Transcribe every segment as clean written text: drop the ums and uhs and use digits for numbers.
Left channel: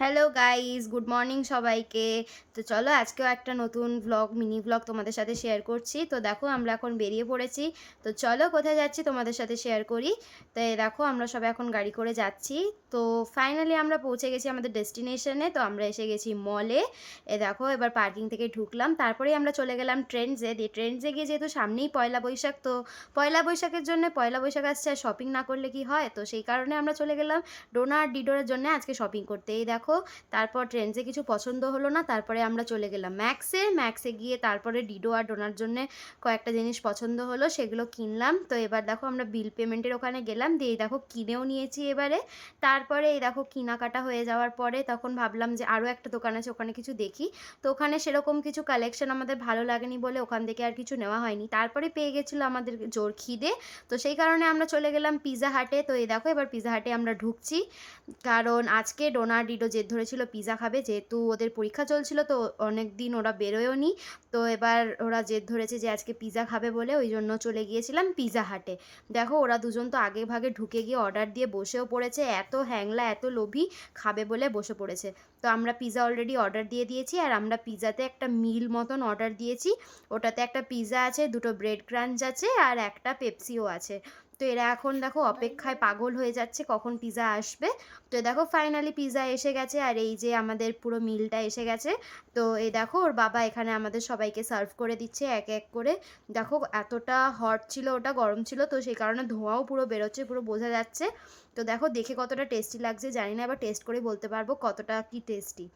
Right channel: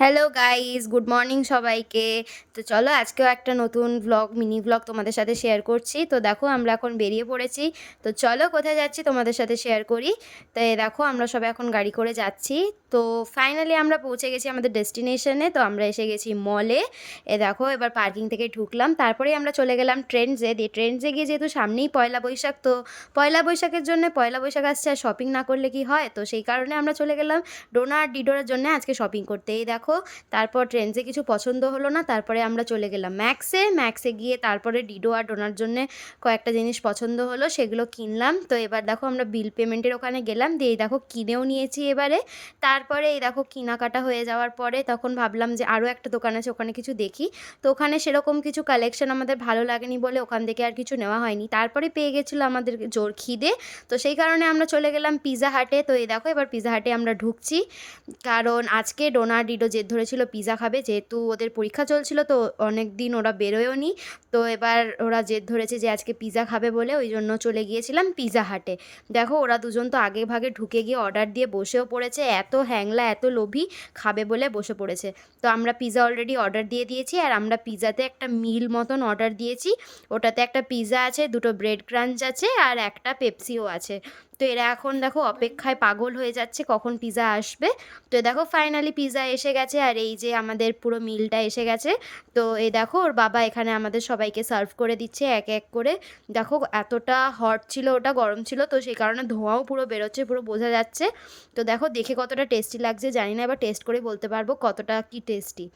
Hello guys, good morning সবাইকে। তো চলো আজকেও একটা নতুন মিনি ব্লগ তোমাদের সাথে শেয়ার করছি। তো দেখো আমরা এখন বেরিয়ে পড়েছি। তো চলো কোথায় যাচ্ছি তোমাদের সাথে শেয়ার করি। তো দেখো আমরা সবাই এখন গাড়ি করে যাচ্ছি। তো ফাইনালি আমরা পৌঁছে গেছি আমাদের ডেস্টিনেশনে। তো আমরা এসে গেছি মলে। দেখো এবার পার্কিং থেকে ঢুকলাম, তারপরেই আমরা চলে গেলাম ট্রেন্ডসে। ট্রেন্ডসে গিয়ে যেহেতু সামনেই পয়লা বৈশাখ, তো পয়লা বৈশাখের জন্য পয়লা বৈশাখ আসছে, আর শপিং না করলে কি হয়, তো সেই কারণে আমরা চলে গেলাম ডোনা আর ডিডোরের জন্য আজকে শপিং করতে। এই দেখো তারপর ট্রেন্ডসে কিছু পছন্দ হলো না, তারপরে আমরা চলে গেলাম ম্যাক্সে গিয়ে তারপরে ডিডো আর ডোনার জন্য কয়েকটা জিনিস পছন্দ হলো, সেগুলো কিনলাম। তো এবার দেখো আমরা বিল পেমেন্টের ওখানে গেলাম, দিয়ে এই দেখো কিনেও নিয়েছি এবারে। তারপরে এই দেখো কেনাকাটা হয়ে যাওয়ার পরে তখন ভাবলাম যে আরও একটা দোকান আছে, ওখানে কিছু দেখি। তো ওখানে সেরকম কিছু কালেকশন আমাদের ভালো লাগেনি বলে ওখান থেকে আর কিছু নেওয়া হয়নি। তারপরে পেয়ে গেছিলো আমাদের জোর খিদে, তো সেই কারণে আমরা চলে গেলাম পিৎজা হাটে। তো এই দেখো এবার পিৎজা হাটে আমরা ঢুকছি, কারণ আজকে ডোনা আর ডিডো জেদ ধরেছিল পিৎজা খাবে, যেহেতু ওদের পরীক্ষা চলছিল, তো অনেক দিন ওরা বেরোয়ও নি। তো এবার ওরা জেদ ধরেছে যে আজকে পিৎজা খাবে বলে, ওই জন্য চলে গিয়েছিলাম পিৎজা হাটে। দেখো ওরা দুজন তো আগে ভাগে ঢুকে গিয়ে অর্ডার দিয়ে বসেও পড়েছে, এত হ্যাংলা এত লোভী, খাবে বলে বসে পড়েছে। তো আমরা পিৎজা অলরেডি অর্ডার দিয়ে দিয়েছি, আর আমরা পিৎজাতে একটা মিল মতন অর্ডার দিয়েছি। ওটাতে একটা পিৎজা আছে, দুটো ব্রেড ক্রাঞ্চ আছে, আর একটা পেপসিও আছে। তো এরা এখন দেখো অপেক্ষায় পাগল হয়ে যাচ্ছে কখন পিৎজা আসবে। তো দেখো ফাইনালি পিৎজা এসে গেছে, আর এই যে আমাদের পুরো মিলটা এসে গেছে। তো এই দেখো ওর বাবা এখানে আমাদের সবাইকে সার্ভ করে দিচ্ছে এক এক করে। দেখো এতটা হট ছিল, ওটা গরম ছিল, তো সেই কারণে ধোঁয়াও পুরো বেরোচ্ছে, পুরো বোঝা যাচ্ছে। তো দেখো দেখে কতটা টেস্টি লাগছে জানি না, এবার টেস্ট করে বলতে পারবো কতটা কি টেস্টি।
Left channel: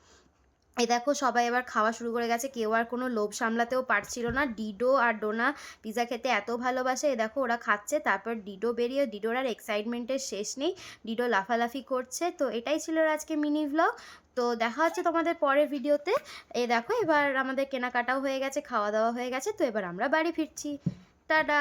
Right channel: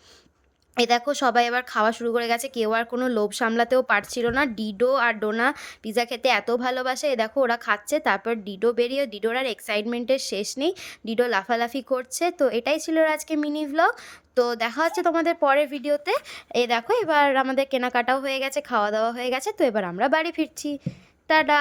এই দেখো সবাই এবার খাওয়া শুরু করে গেছে, কেউ আর কোনো লোভ সামলাতেও পারছিল না। ডিডো আর ডোনা পিৎজা খেতে এত ভালোবাসে, এ দেখো ওরা খাচ্ছে, তারপর ডিডো বেরিয়ে, ডিডোর আর এক্সাইটমেন্টের শেষ নেই, ডিডো লাফালাফি করছে। তো এটাই ছিল আজকে মিনি ভ্লগ। তো দেখা হচ্ছে তোমাদের পরের ভিডিওতে। এই দেখো এবার আমাদের কেনাকাটাও হয়ে গেছে, খাওয়া দাওয়া হয়ে গেছে, তো এবার আমরা বাড়ি ফিরছি। টাটা।